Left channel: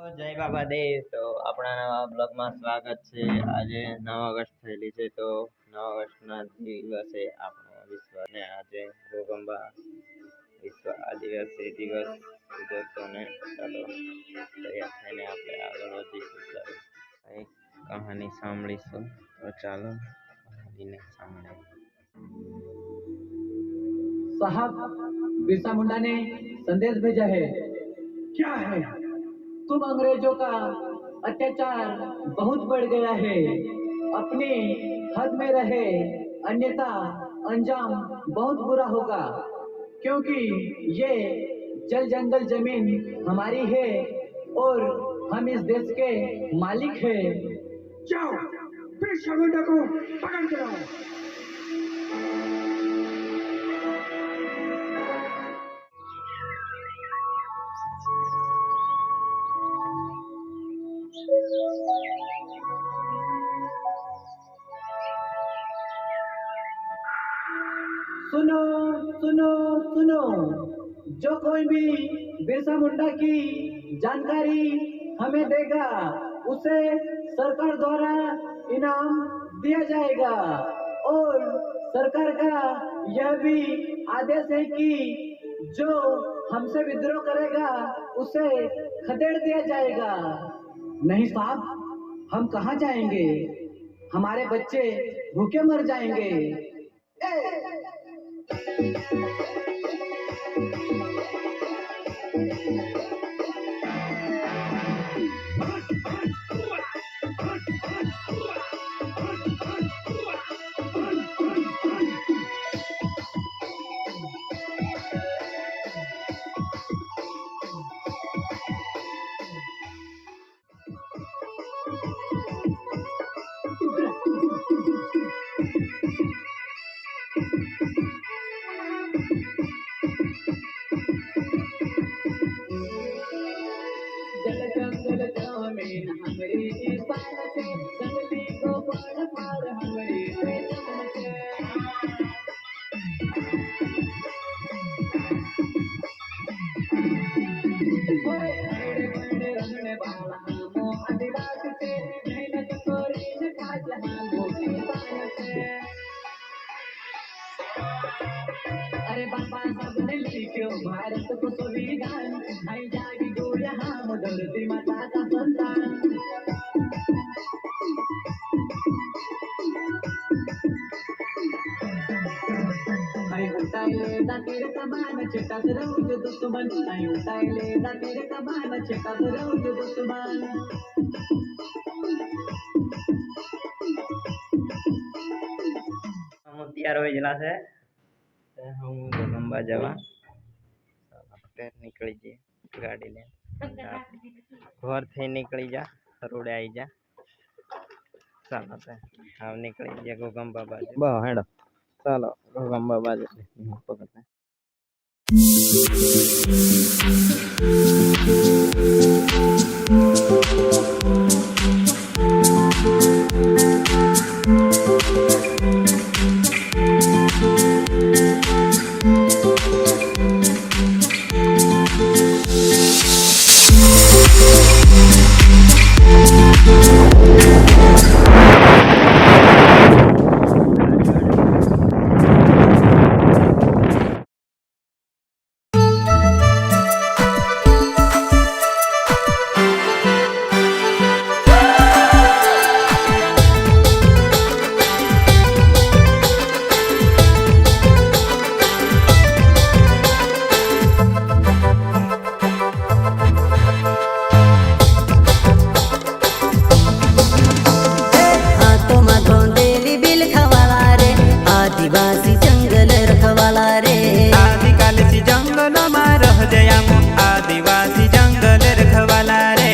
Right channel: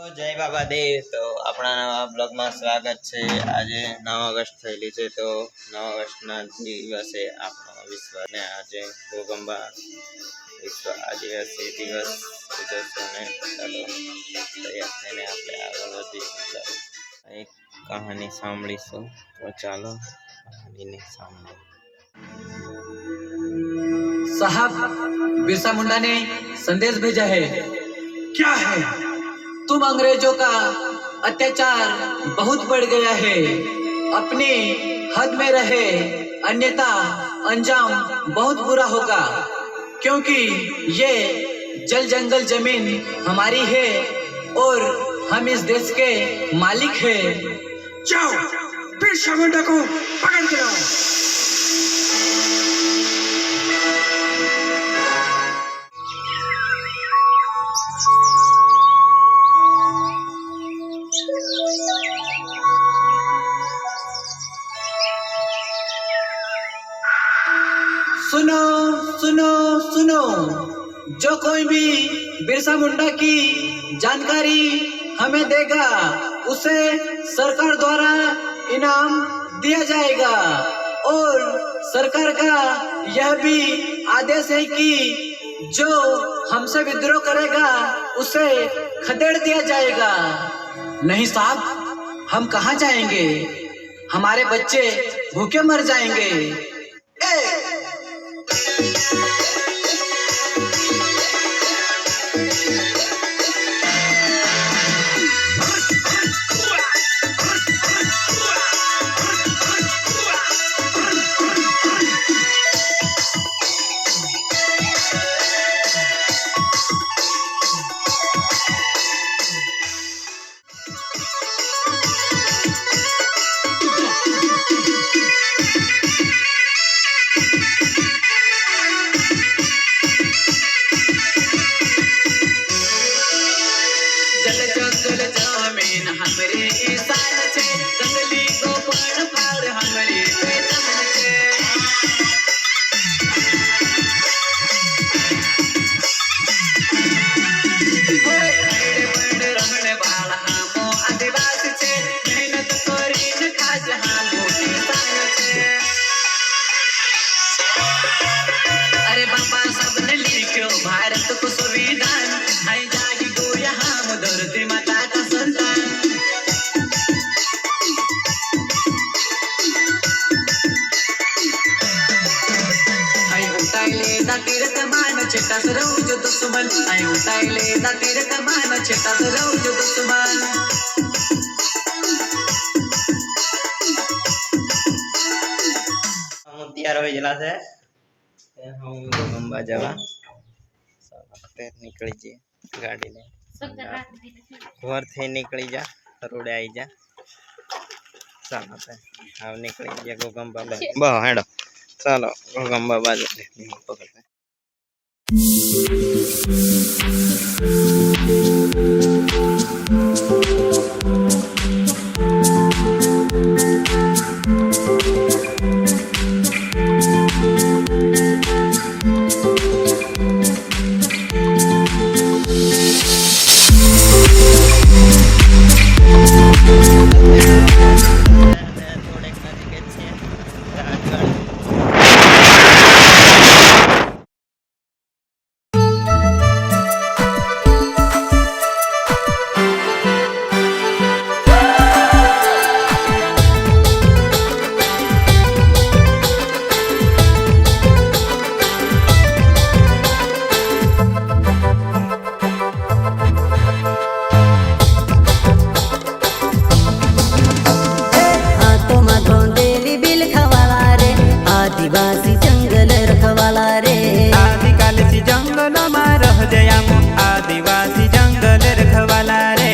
જય બાબા દેવ. તો આપણા નવા બ્લોગમાં સ્વાગત છે. આજે 9 ઓગસ્ટ થયેલી છે, તો 9 ઓગસ્ટના દિવસે આપણો વિશ્વ ને આજે ભૂકંપા વિશ્વ આદિવાસી દિવસ ઉજવશો ને ચાલો તૈયાર થઈને આપણે આગળ વધીશું. ચાલો એક કહાની સાંભળીશું, તો ચાલો કહાનીને સાંભળો. साहब, बिरसा मुंडा ने संदेश भेजा है। क्या है? तुम अंग्रेजों का अत्याचार बहुत बढ़ गया है, अपने हद में रहे, अन्यथा अंजाम बहुत बुरा होगा, क्योंकि ये जल जंगल जमीन हमारी है और हम इस देश के मालिक हैं। जाओ, बिरसा मुंडा को पकड़ के लाओ। सुनो सुनो सुनो, जो कोई भी बिरसा मुंडा की जानकारी हमें देगा उसे सरकार द्वारा इनाम दिया जाएगा, और सरकार का यह भी आदेश है कि जो हमसे विद्रोह करेगा उसे खदेड़ दिया जाएगा। नहीं साहब, हम कहाँ जाएंगे? हमारे बच्चे भूखे मर जाएंगे। अरे बाबा सबने लिखो भारत को संविधान, आई जागी गो यहाँ धरती माता का संतान। आई उठाइले दातीर कमान छेटा सरऊ जो दुश्मन, आई उठाइले दातीर कमान छेटा सरऊ जो दुश्मन। તૈયાર હોઈ ગયેલા છે, હું ભૂકંપા જવા નીકળી જઈએ ગાડી લઈને. ઘરથી નીકળી જા, રોડે આવી જા. ચાલો હવે નીકળી ગયા ભૂકંપા બાજુ. બહુ હેડો, ચાલો ભૂકંપા બાજુ પકડતા. आदिवासी जंगल रखवाला रे, आदिकालसी जंगल में रह जयामो, आदिवासी जंगल रखवाला रे।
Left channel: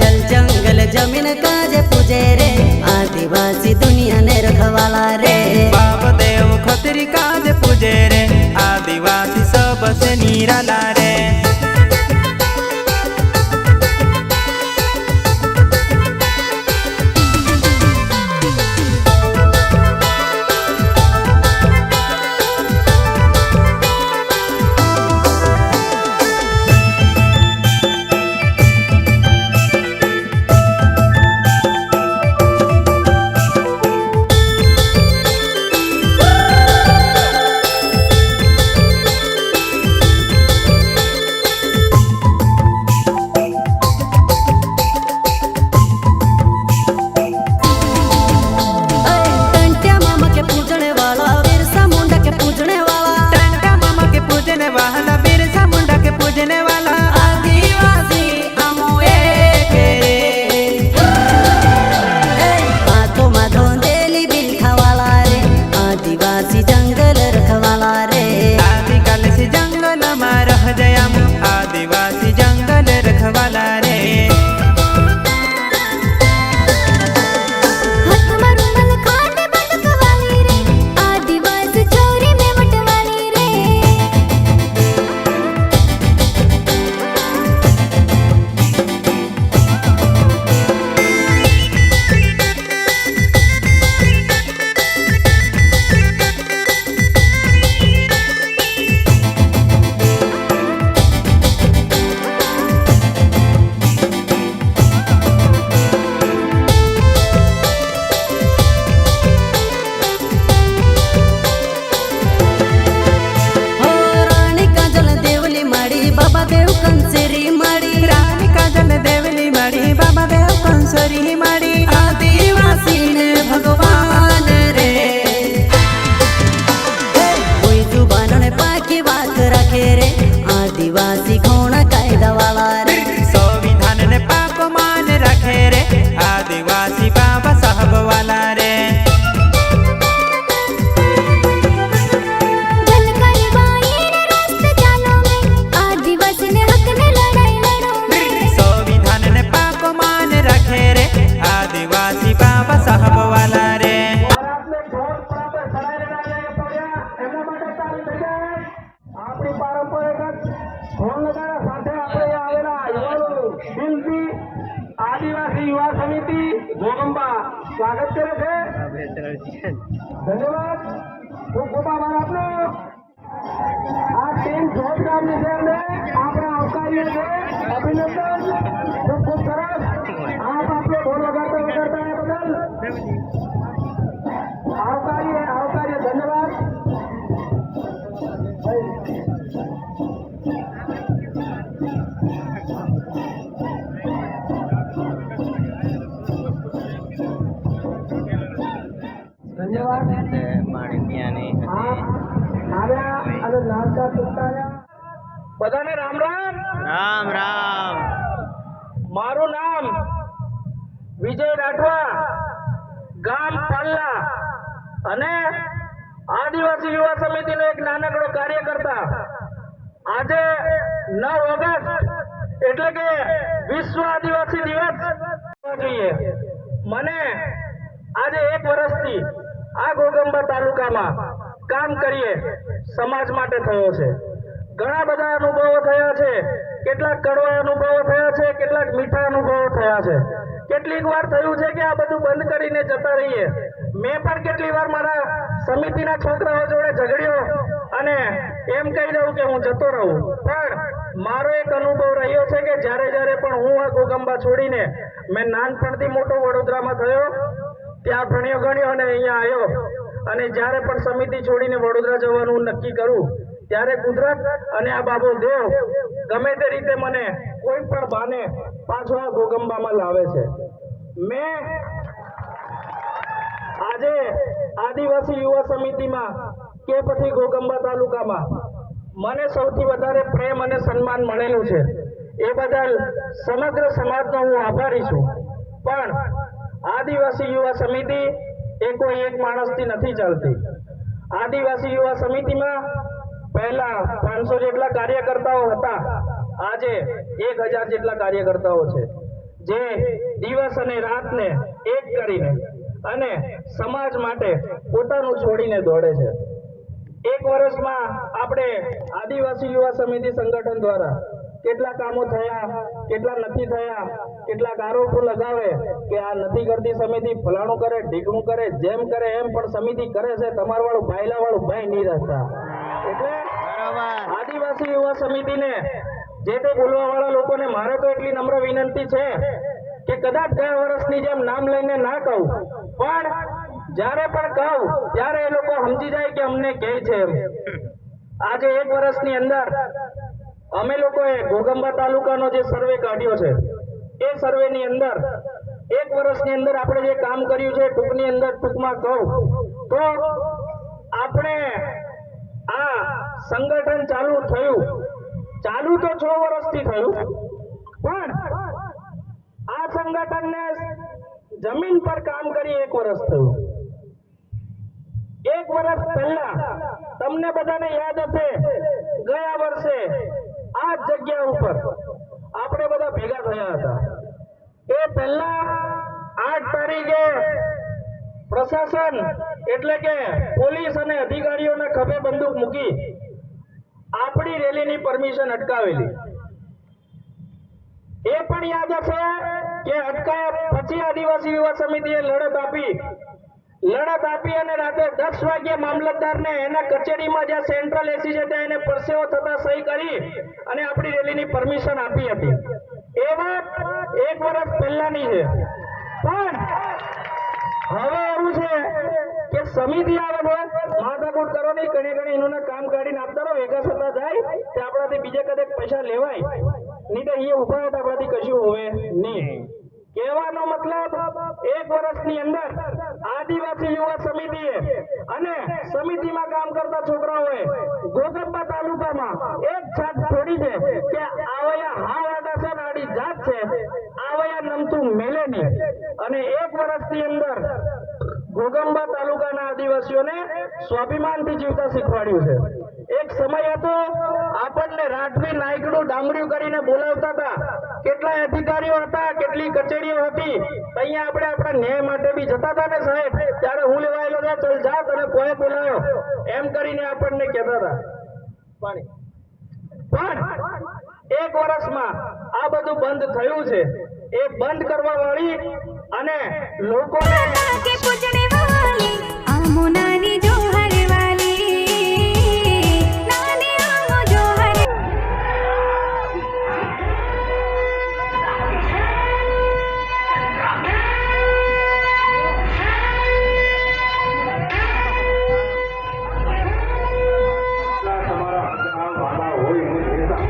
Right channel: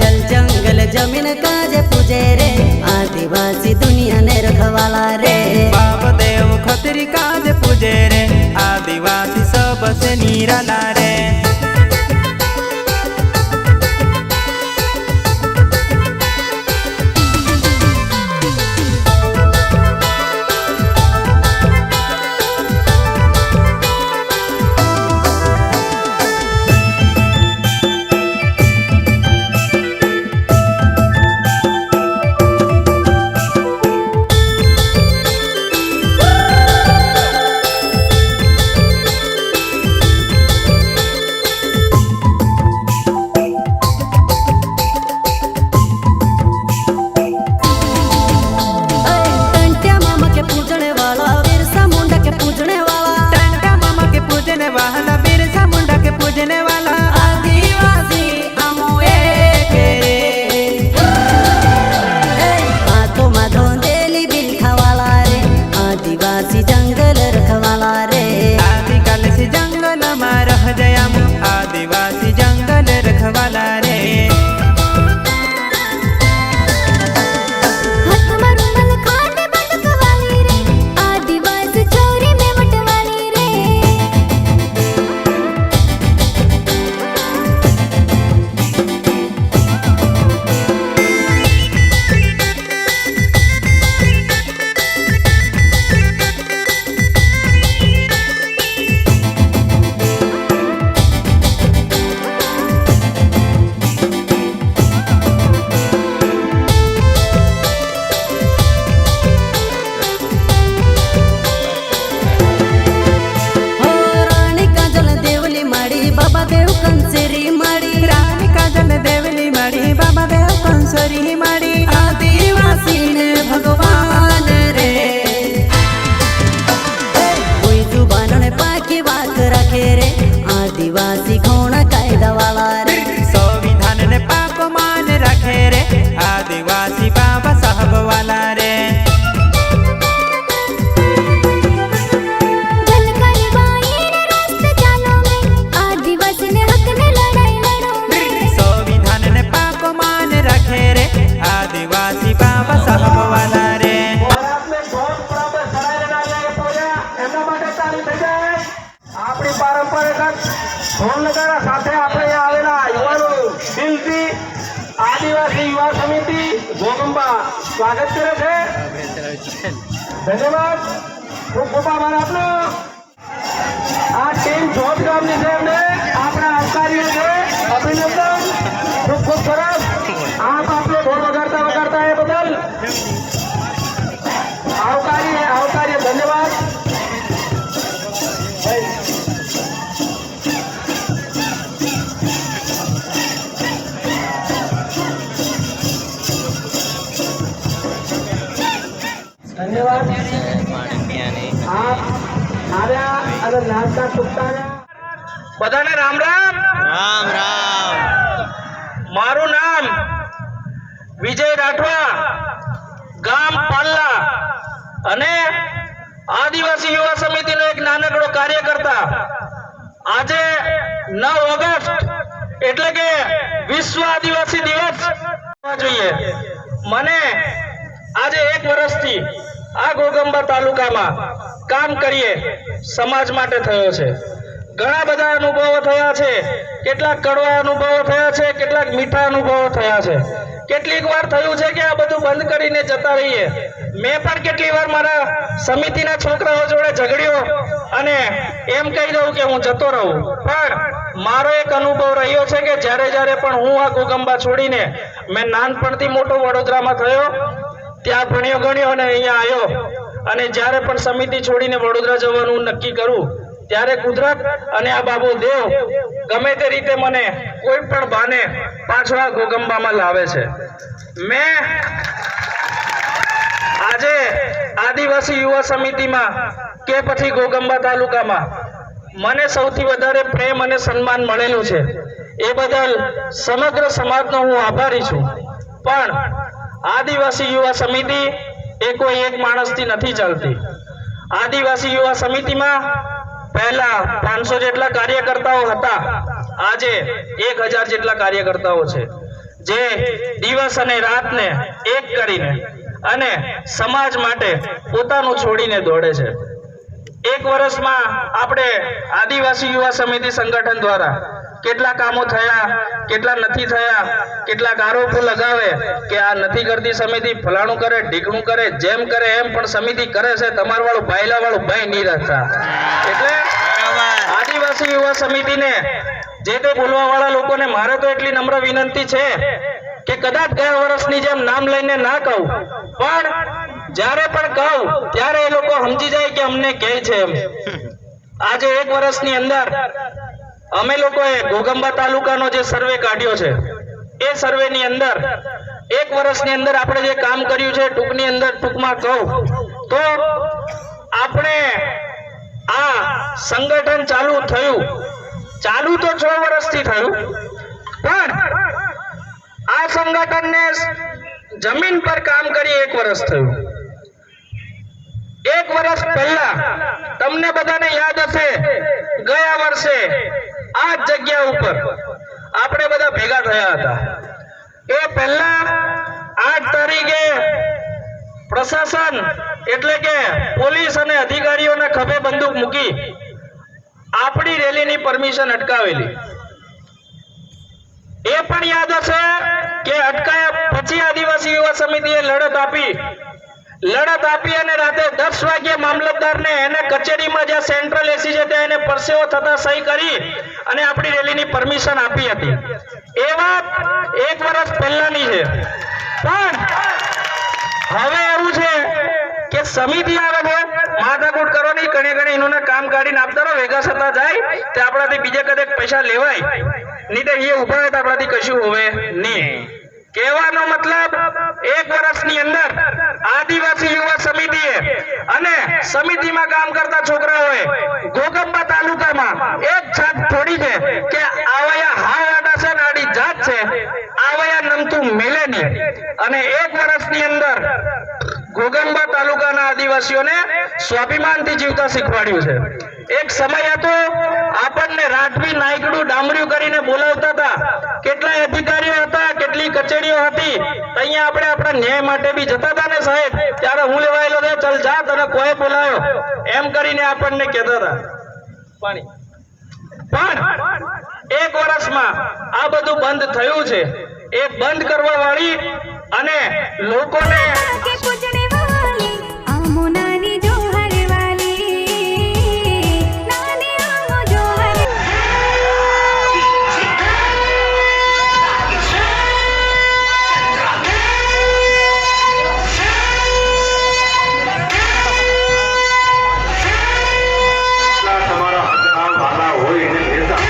जल जंगल जमीन काजे पूजे रे, आदिवासी दुनिया ने रखवाला रे। बाप देव खतरी काजे पूजे रे, आदिवासी सबसे निराला रे। કરી માડી આદિવાસી ને ભગવાન રે કોઈ જુબાન ને પાકી વાત રાખે રે આદિવાસી કોણ કાયદા વાળા રે સંવિધાન ને પાપ માન રાખે રે આદિવાસી બાબા સાહેબ વાલા રે संविधान ने पाप मान रखे रे आदिवासी बाबा साहब वाला रे આપણી પારંપરિક ઢોલ નગારા સાથે આપણે આવેલા યુવાનો દિલથી આદિવાસી યુવા સમિતિ ગોગંબા સ્વાગત કરે છે. ધન્યવાદ. ખૂબ ખૂબ આભાર આપનો. આ ટીમ જોત ગામની છે, એમને આપણા આવકારીએ છે. અભિનંદન. ખૂબ ખૂબ સરસ. આપ આપણે ઢોલ વગાડતા એ બદલ આવકારીએ ધન્યવાદ. ધન્યવાદ. પાણી પીવાની બધાને રામ રામ. રામ રામ. મારું નામ વિજય રાઠવા, ગામ પાલ્લા અને આદિવાસી યુવા સમિતિનો એક નાનકડો કાર્યકર્તા. આજે 9 ઓગસ્ટ એટલે કે વિશ્વ આદિવાસી દિવસ જોઈએ. મને આજે 1 વર્ષથી આ ઘોગંબા તાલુકામાં કામ કરીએ સમાજ માટે થયો છે. ઘણા બધા અનુભવો થયા છે. કેટલાક કડવા અનુભવો થયા છે, કેટલાક મીઠા અનુભવો થયા છે. કેટલીક વાર થયું છે કે આ બધું બંધ કરીને જતા રહીએ. મેં પણ કેટલી વાર મારા સમિતિના છોકરાઓ જોડે ઝઘડ્યો અને એમ કહી દઉં કે હું જતો રહું. પણ મારો એક અનુભવ રહ્યો છે કે જ્યારે પણ હું આ ઘોગંબા છોડીને મેં નાનપણથી મોટો વડોદરામાં થયો, ત્યાં ભણ્યો ગણ્યો અને અહીંયા આવ્યો, અને જ્યારે પણ સમિતિ છોડીને વડોદરા જવાનું નક્કી કરું ત્યારે કુદરત અને આ બાબુ દેવ ગમે તે રીતે મને કોઈ પણ બાને પાછળ ઘોગંબામાં લાવે છે. મેં આજે આદિવાસી યુવા સમિતિમાં કે પછી ઘોગંબા તાલુકામાં મને સૌથી વધારે પ્રેમ અને સન્માન મળેલું છે. એ બદલ સમગ્ર સમાજનો હું આભારી છું. પણ આદિવાસી યુવા સમિતિ એ કોઈ એક માણસથી નથી ચાલતી. આદિવાસી યુવા સમિતિમાં પહેલા 500 જેટલા કાર્યકર્તાઓ હતા. આજે 1000 જેટલા કાર્યકર્તાઓ છે, જે દિવસ અને રાતને એક કરીને અને સમાજ માટે પોતાનું છોડીને દોડે છે. 1 વર્ષમાં આપણે આદિવાસી યુવા સમિતિ સંગઠન દ્વારા કેટલા કામો થયા, કેટલા નથી થયા, કેટલાક આરોપો લગાવે કે આ નથી કરતી સમિતિ, ફલાણું કરે, ઢીકણું કરે, જેમ કરે એમ, પણ સમિતિ કરે છે. તમારા વાળું ભાઈલા વાળું ભાઈ નહીં રાખતા. એટલે આદિવાસી યુવા સમિતિને જે તે બોલવા વાળા લોકોને મારે તો એટલી નમ્ર વિનંતી છે કે કદાચ ગયા વર્ષની જેમ નામ લઈને ના કહું, પણ જ્યારે પણ કહું ત્યારે એ લોકો સમજી જાય કે અમને કહે છે એમ. આજે 1 વર્ષની અંદર અમે લોકોએ ઘોગંબા તાલુકાનો જે સર્વે કાઢ્યો છે, એ સર્વેની અંદર 1 વર્ષની અંદર આપણે જે કામ કર્યું છે, ટૂંકમાં કહું તો આપણે આ સંગઠન ચાલુ તો 6 વર્ષથી થયું, પણ આ સંગઠનને જમીન પર કામ કરી 1 વર્ષ થયું. 1 વર્ષ પહેલા તમને બધાને યાદ હશે, ગયા વર્ષે આ જગ્યા ઉપર આપણે બધા ભેગા થયા હતા. એ પહેલા 8 તારીખે પ્રશાસન એટલે કે પોલીસ અને અધિકારીઓના ખભે બંદૂક મૂકી આપણી રેલીની પરમિશન અટકાવેલી. એ પણ યાદ હશે કે અટકાયા પછી આદિવાસી યુવા સમિતિએ લડત આપી અને રાતે 10 વાગ્યે મામલતદારને એના કચેરીમાં જ્યાં સેન્ટ્રલ એસી છે ત્યાં એને પરસેવો થતા સહી કરી અને આપણી રેલીની પરમિશન આપી હતી. એ વાત 1 વર્ષ પહેલાની છે. પણ હવે એવું છે કે સમિતિ આવે છે, માથાકૂટ કરવાની, કણે એનું કામ કાઢીને આપતા રહો, ભેગા થતા જાય તે આપણાથી બીજે કદે પૈસા લેવાય નહીં, તો એ ઉભા હોય તો આપણાથી કશું હોવે નહીં. કહેવાનો મતલબ 1 વર્ષની અંદર આદિવાસી યુવા સમિતિએ અને સમિતિમાં કામ કરતા છોકરાઓએ ઘોગંબા તાલુકામાં એક છત છોડી છે કે આવયા હાવાડા છે નાડી જાત છે આવયા નમતું મેલે નહીં અને 1 વર્ષની અંદર ઘોગંબા તાલુકાના આદિવાસીઓને સ્વાભિમાનથી જીવતા શીખવાડ્યું છે. એક સમય હતો આપણને રાઠવી નાયકડું ડામર્યું કરીને બોલાવતા હતા, કેટલાય અધિકારીઓ હતા, કેટલી કચેરીઓ હતી, અહીંયા આપણે આપણા ન્યાય માટે બી જતા હતા ને સાહેબ, ત્યારે હું લેવાયેલો છે, ચલ જા તને કોઈ બોલાયો એમ કરીને આપણને કહેતા હતા. પણ 1 વર્ષમાં આ બધું બંધ થયું છે. એ બંધ કરવા વાળી અને લોકોને के पूजने वाली आमो नानी जोहर वाली नानी आमो जोहर તમારા હાથના વાલા હોય એને લેતા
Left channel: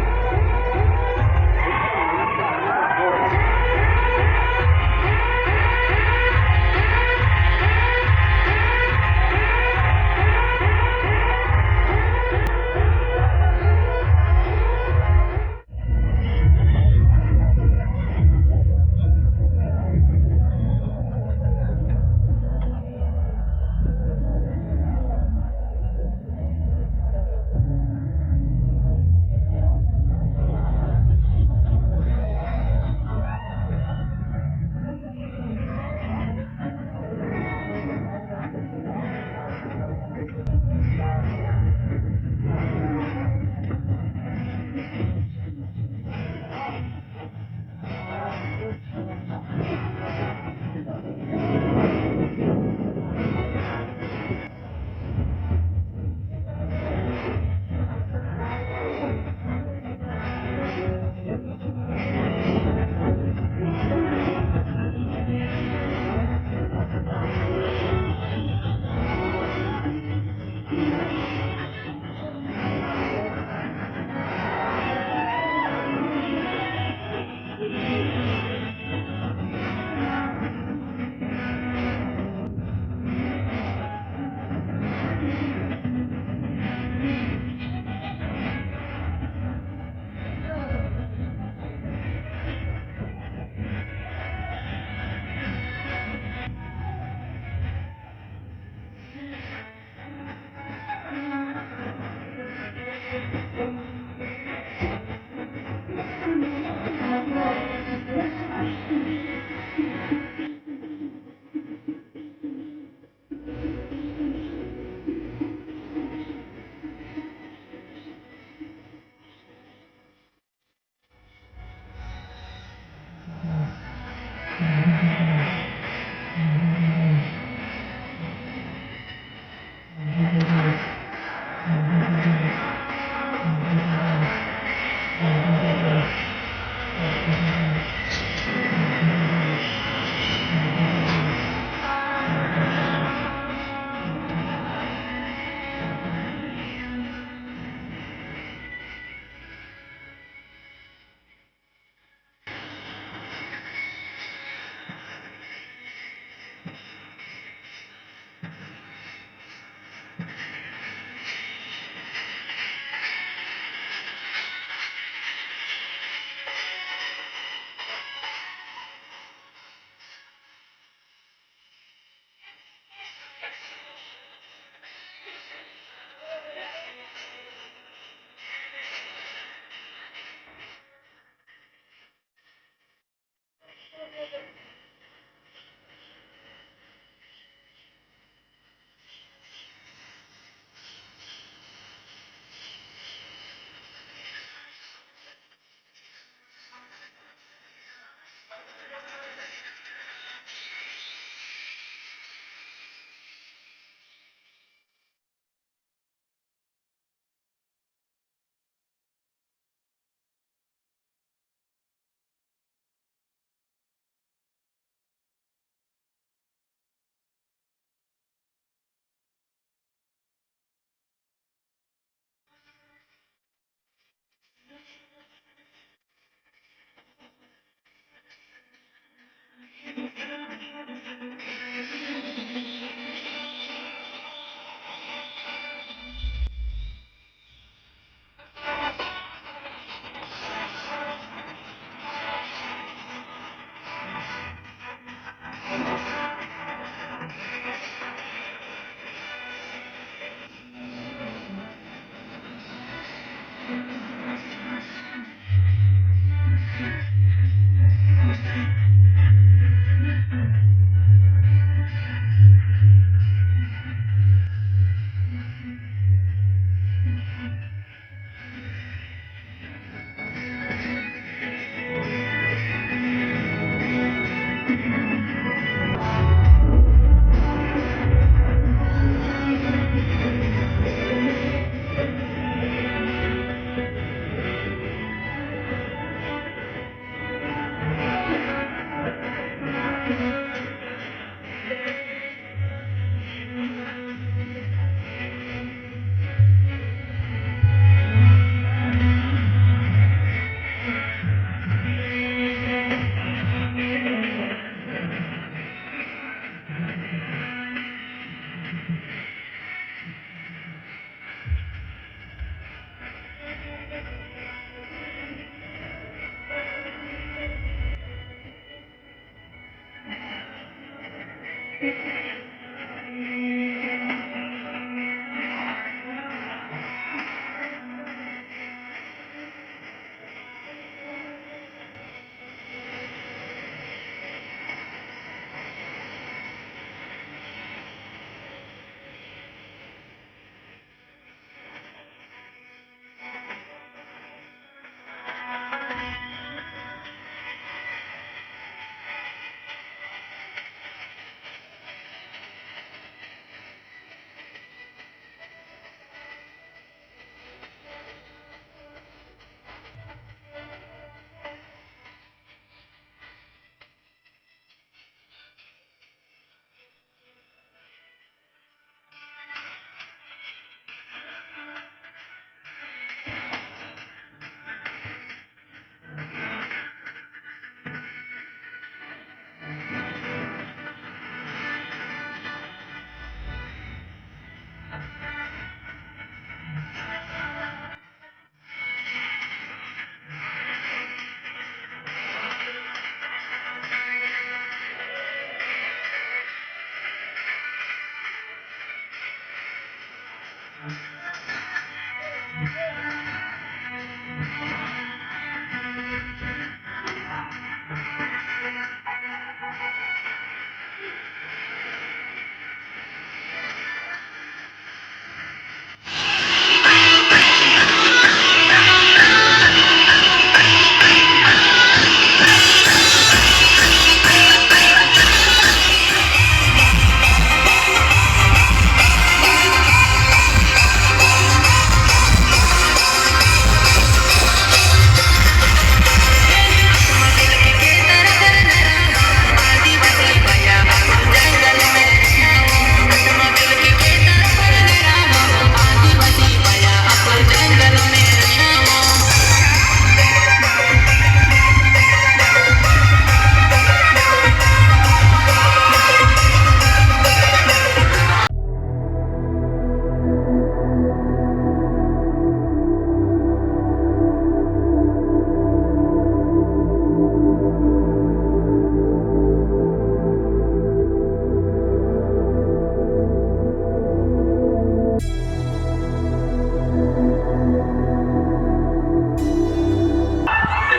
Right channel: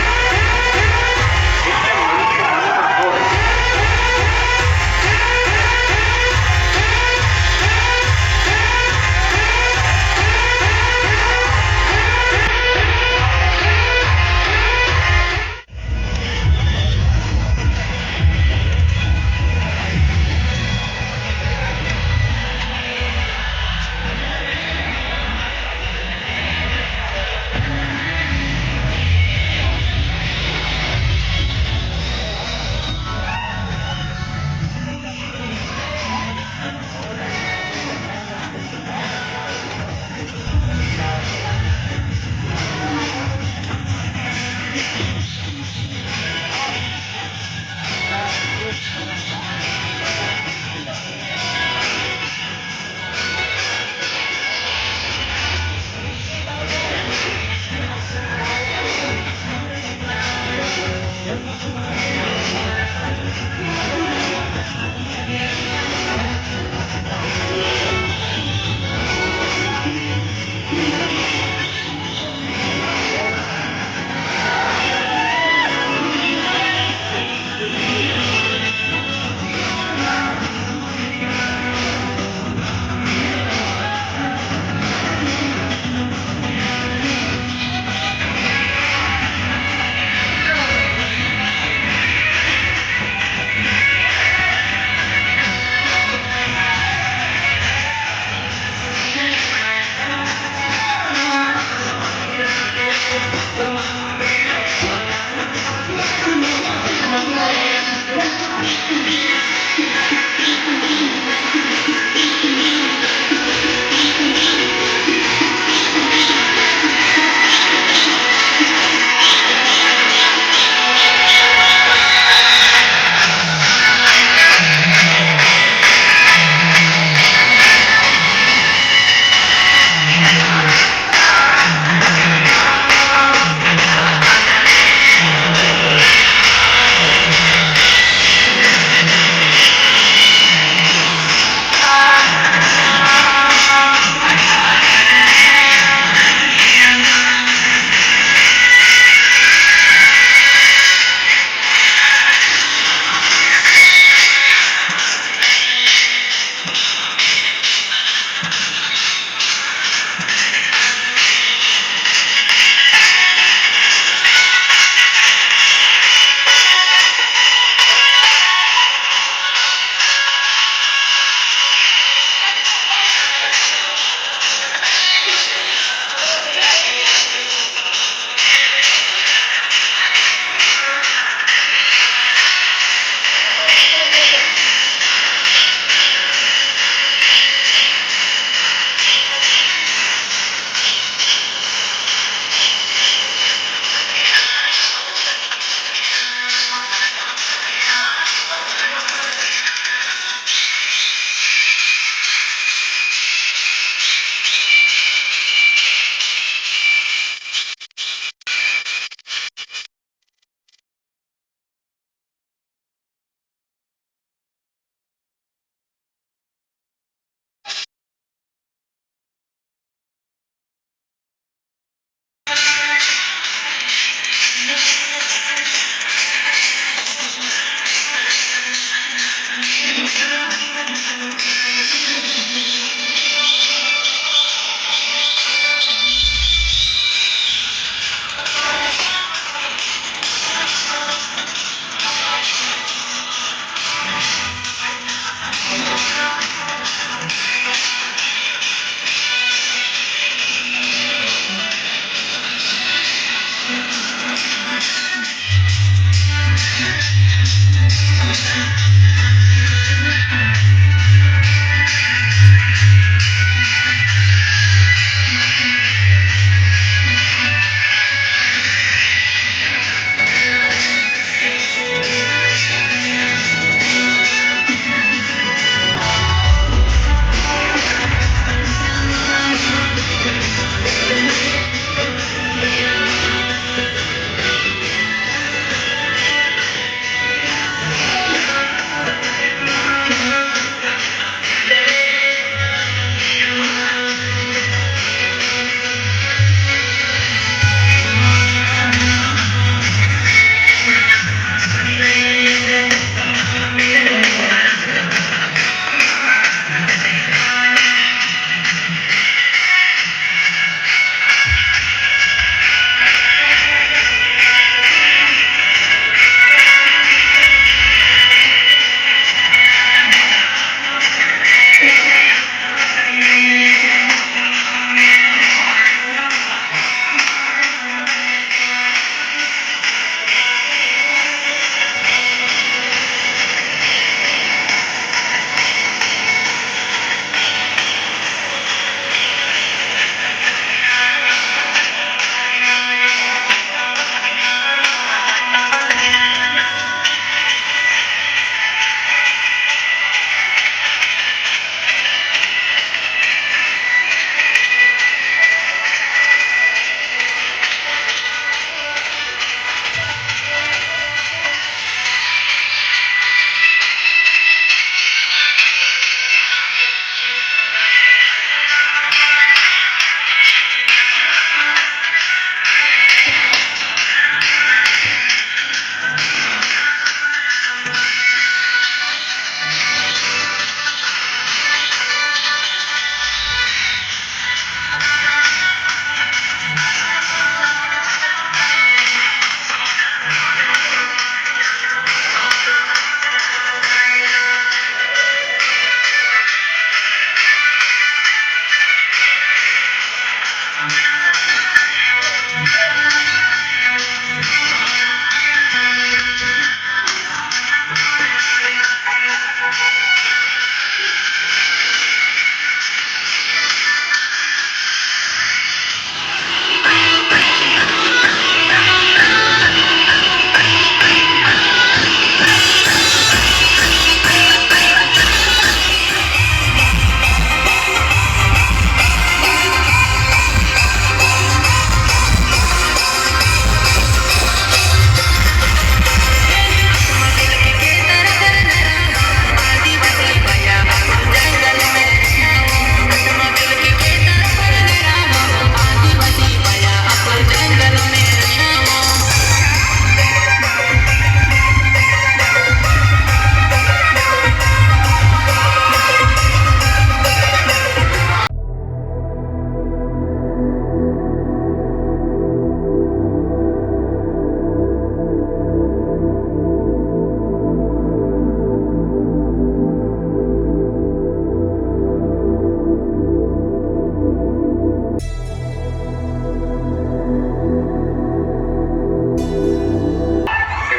कि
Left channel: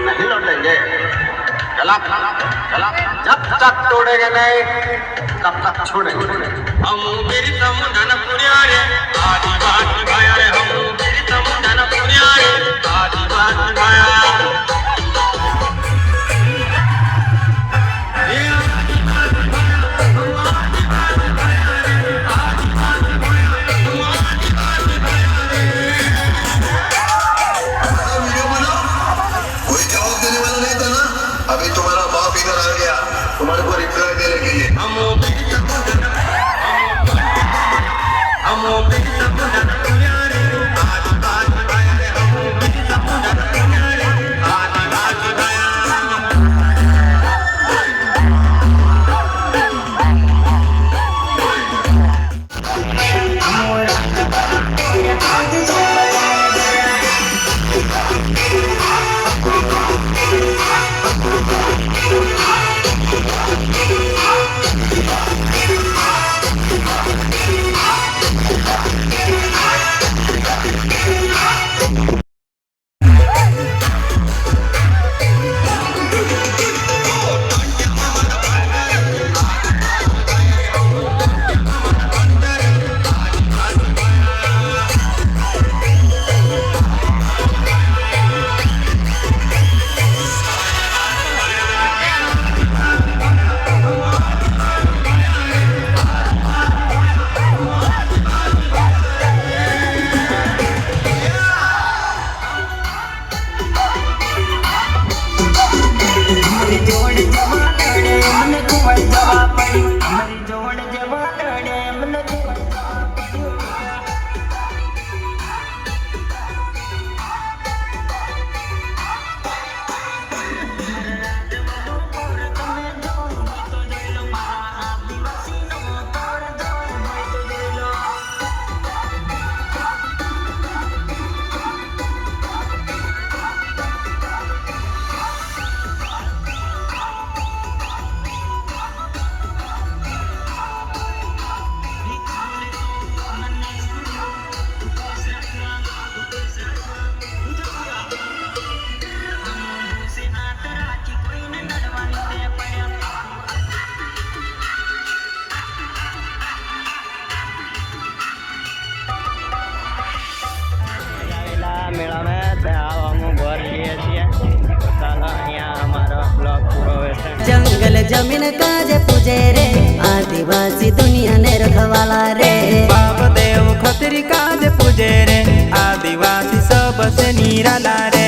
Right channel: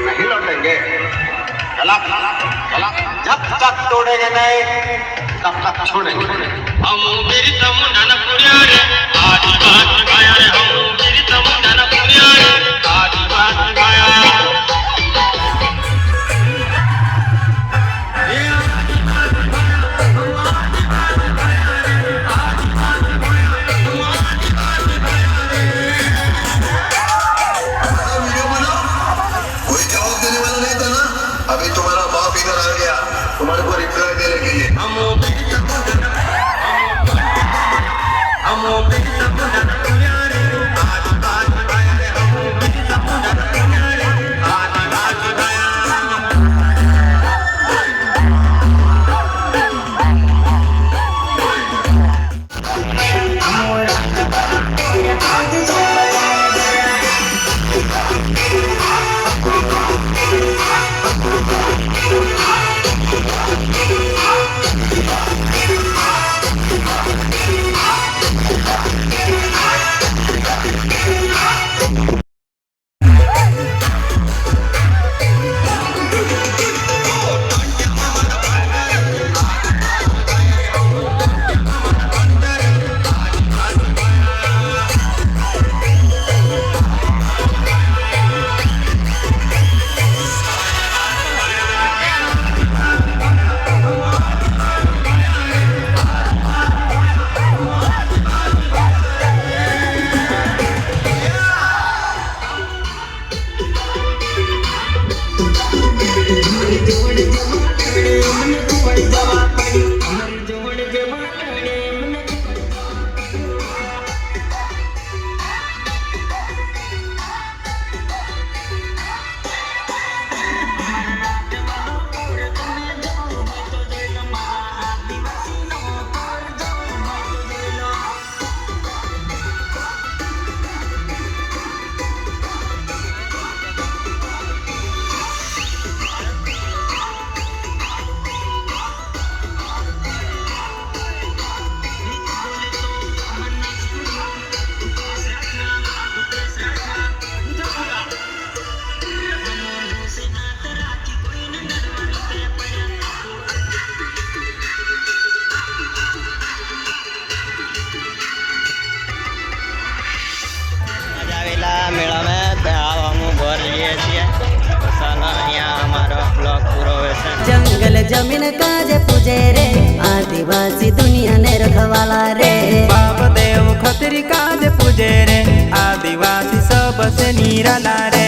नहीं लौटेंगे, गला गला जब तक तोड़ेंगे नहीं तब तक छोड़ेंगे। हम मेरी समुदान पुरियारे आदिवासी भाया रे, हम मेरी समुदान पुरियारे आदिवासी भाया। कोई जवाब देने वाला नहीं था ना। अभी तुम्हारा बाप इधर आ गया तुम्हारे को रिप्लाई देने के लिए। जंगल जमीन काज पूजे रे आदिवासी दुनिया ने रखवाला रे। बाप देव खतरी काज पूजे रे आदिवासी सबसे निराला रे।